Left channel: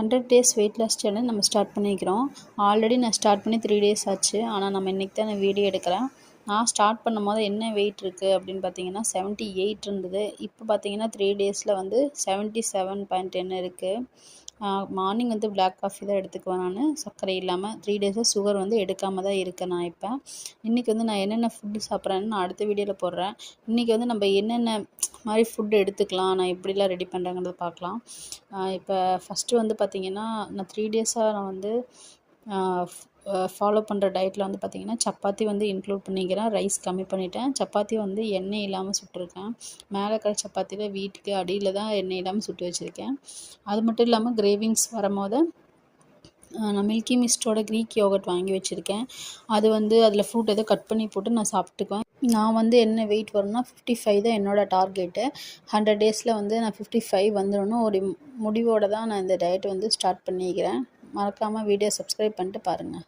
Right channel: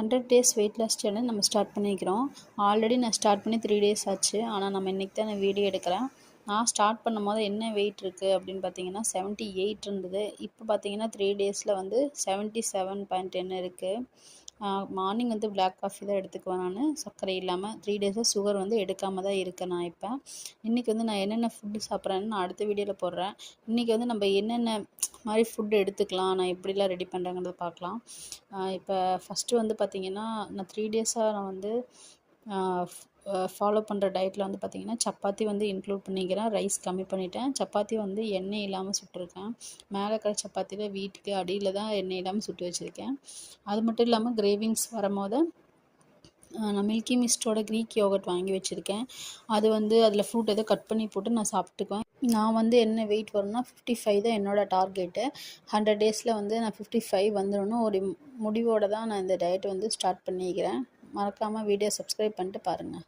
100 days weight loss challenge நம்ம start பண்ணிக்கிறோம். Already நான் ஸ்டார்ட் பண்ணி 3 டேஸ் ஆச்சு. ஆனால் நம்ம இன்றைக்கி தான் நான் வீடியோ எடுக்கிறேன். நான் ஸ்டார்ட் பண்ணும்போது என்ன வெயிட் இருக்குது அப்படின்னு பார்த்தீங்கன்னா 78 இருந்தது. இப்போ பார்த்தீங்கன்னா 3 டேஸில் வந்து 77.10 இருக்குது. மார்னிங் வந்து பிளாக் காஃபி தான் எடுத்துக்குவேன் நான், சர்க்கரை இல்லாமல். 3 டேஸாக சுகர் வந்து எடுக்காமல் தான் இருக்கேன் நான். இப்போ இன்றைக்கி வந்து நான் என்னென்ன ஃபுட்டு சாப்பிட்றேன்னு நான் அடுத்த வீடியோவில் போடுறேன். இன்றைக்கி வந்து நம்ம என்னென்ன மாதிரி ஃபுட்டு எடுத்துக்கலாம், நான் எப்படிலாம் ரெடி பண்ணுறேங்கிறத பார்க்கலாம். இப்போ ஃபஸ்ட்டு வந்து பார்த்திங்கன்னா நான் 3 டேஸாக நான் வந்து ஃபாலோ பண்ணுற டயட்டில் வந்து பார்த்திங்கன்னா சப்பாத்தி வந்து இன்க்ளூட் பண்ணிக்கிறேன். ரைஸ் கம்மி பண்ணிட்டேன். சப்பாத்தி வந்து எண்ணெய் இல்லாமல் சுட்டிருக்கேன். மேலே இருக்கிற சப்பாத்தியில் வீட்டுக்கு அடியில் தான் எண்ணெய் இல்லாமல் சுட்டு வச்சுருக்கேன். அது மட்டும் இல்லாமல் கிரேவிங்ஸ் வரும்போது நான் மில்கி மிஸ்டோட க்ரீக் யோகர்ட் வாங்கி வச்சுருக்கேன். அது வந்து அதில் ஃப்ரூட் எதோ கட் பண்ணி போட்டு நான் சாப்பிட்டுக்குவேன். நான் வந்து என்ன வெயிட் வரும்னா 55 தான் என்னோடய டார்கெட்டு. 100 டேஸில் வந்து நான் 55 வந்துடணும் ஒரு முடிவோடு தான் நான் இந்த டயட் வந்து ஸ்டார்ட் பண்ணிக்கிறேன். மறக்காமல் வீடியோ சப்ஸ்கிரைப் பண்ணிட்டு பாருங்கள்.